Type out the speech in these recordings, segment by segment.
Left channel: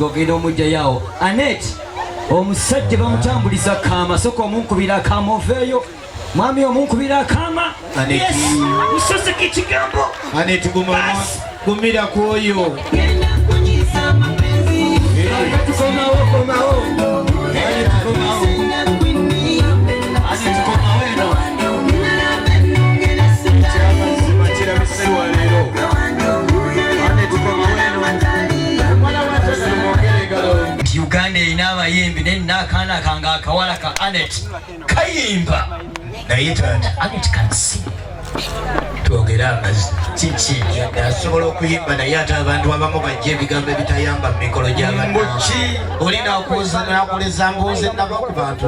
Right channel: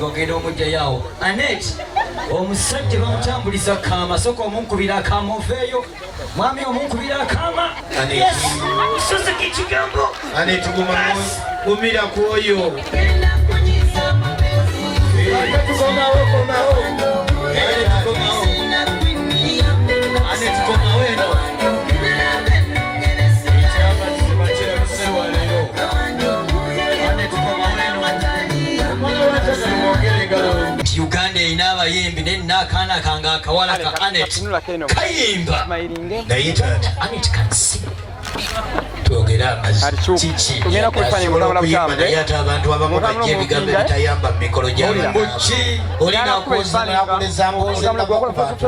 ngogenda omujja yawo Anet omusajja bamutambuliza kama soko omunkubira akama oveeyo mwami omunkubira akama musozi kikigambo Anet gumira kwoyo Uganda erina abayimbi naye nina akaana kange akawala ka Anet kayimba naye taata Anet kansi twogera amazzi kiki asobola okuyimba naye ate abantu abamu bajja ebigambo ebitayamba mu mikolo gy'abantu olina okuza nakuleza mbuuze nabo ku bantu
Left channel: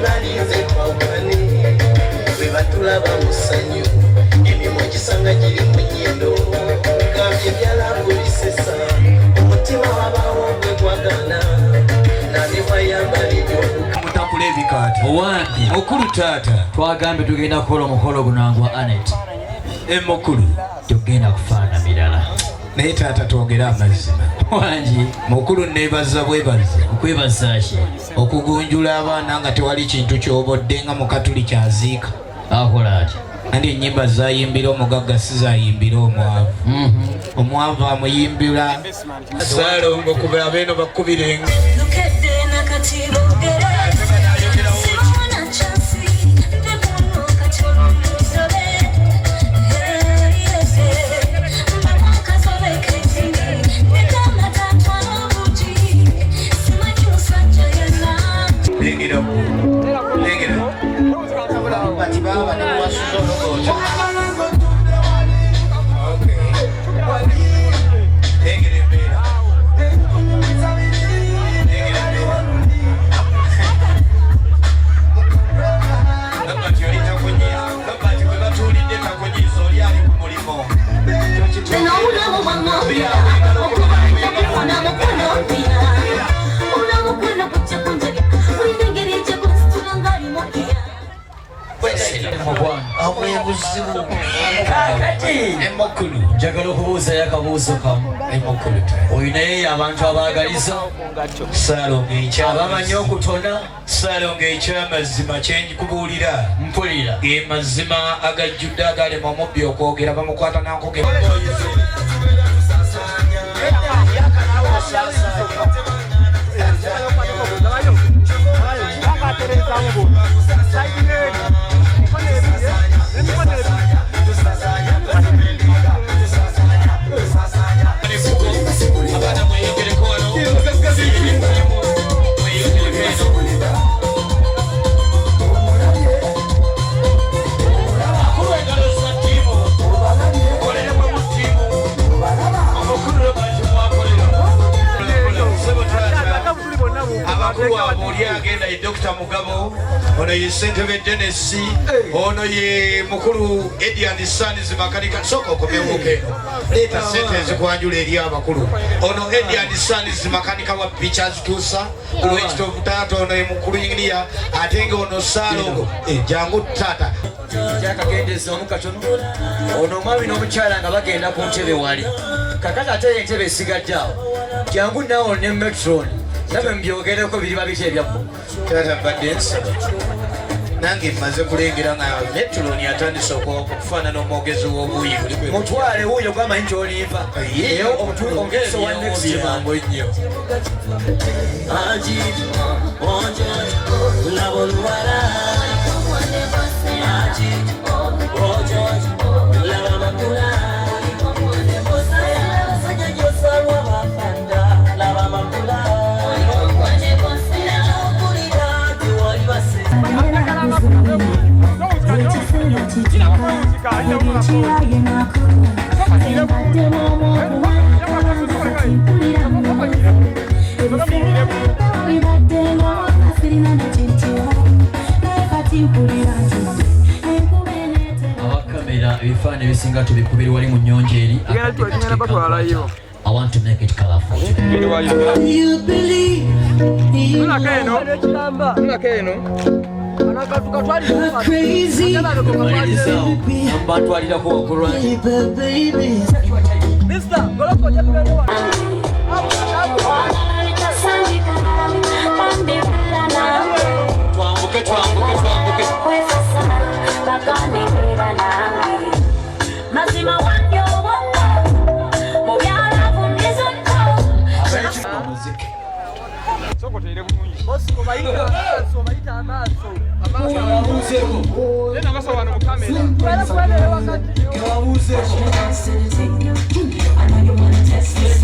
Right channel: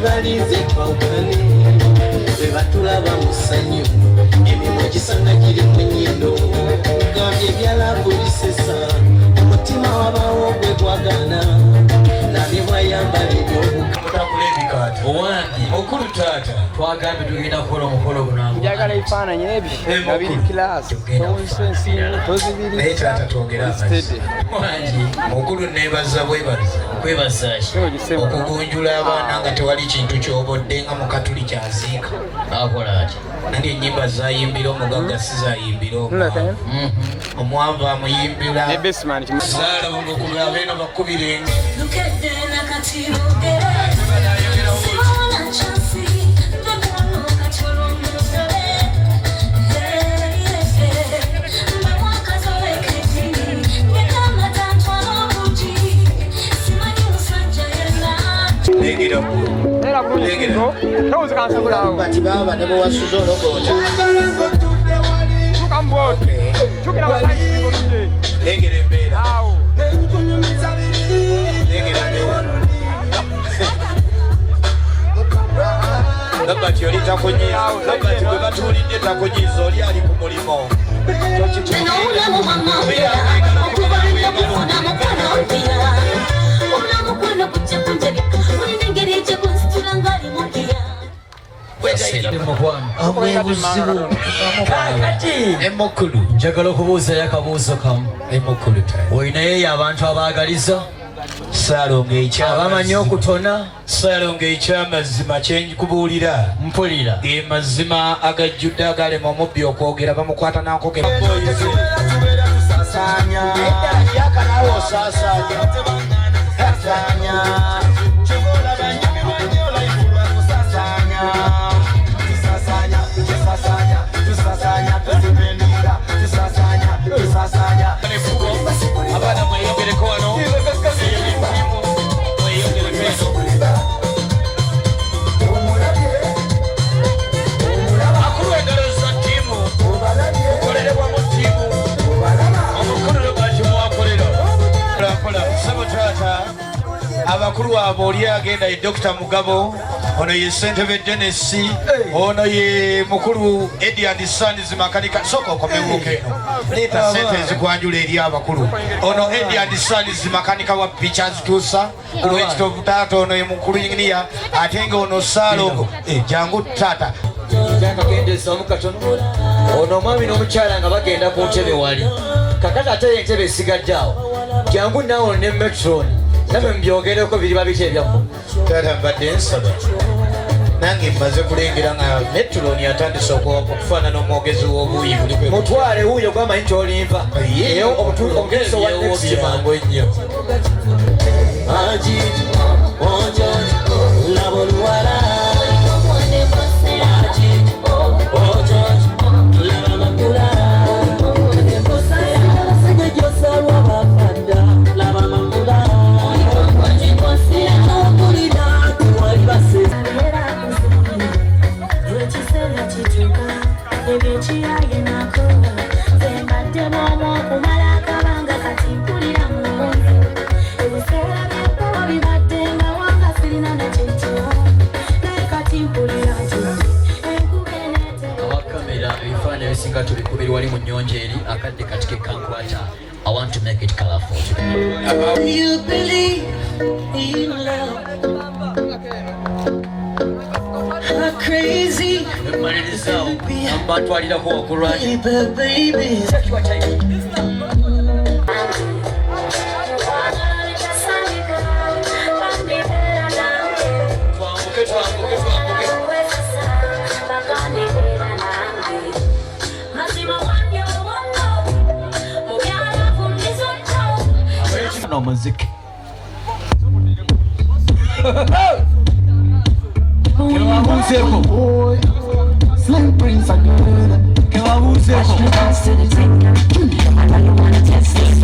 balinze kwawukane bwe batulaba mu ssanyu emimwa gisanga giri mu nnyindo gambye byalavu bisesa omutima wabaawo gwe gwagana nabe bwayambala ebyomutakula ebikaato owange mukulu taata twagambe tugenda kukola omukolo gunangwa mukulu tugenda kufaanana naye taata twongera amazzi wangi mukulu neebaza bwebaza okwebazaki okugunjula abaana nga tewali kintu kyobodde nga mukatuli kyaziika akolaki andi ennyimba zayimbira omugagga sizayimbira omwavu omwavu amuyimbira saalongo kubira beeno bakkubirenga bati baba ne bwasuza ologooja lengera embeera kati bwe batuulidde takunyiza oli ali ku mulimo Emokulu njagala okubuuzayo akabuuzo kamu. Emokulu olinayo abantu abaagaliza saalonga abamanyi okutona saalonga ekyamazima kyenkikubuulira mpulira ge mazima agajjudde agalema omubbi okwogera bamukwata nankogera abakulu abo oli agenda ye Dr. Mugabo, ono ye Ssentebe Dennis, ono ye mukulu Edian Sons makanika soko okomewuka eno leeta sente ezikwanjula eri abakulu. Ono Edian Sons makanika wa Pictures tuusa olwekitovu taata ono ye mukulu inginiya ate nga ono Saalogo jangu taata kyakagendeza omukatono ono omwami n'omukyala nga bagenda ku ntebe wali kakati ate entebe esigadde awo jangu nawo ne Metron nabe mbyogereko biriba biki ebyakku taata mbadde nsaba nange mmaze kulengera nga Metron atandise okufaanana omwogezi w'obuuyi mutwale wuuyo gwamanyi kyolimba omugezo wa next mangu ennyo awakamera ebifaananyi ebisinga tubikubiri wali mu nnyonja eri akadde kati kekankwata. I want to make it colorful. You believe crazy bantwalirako wakulwanya baby. muziki I know you wanna test this.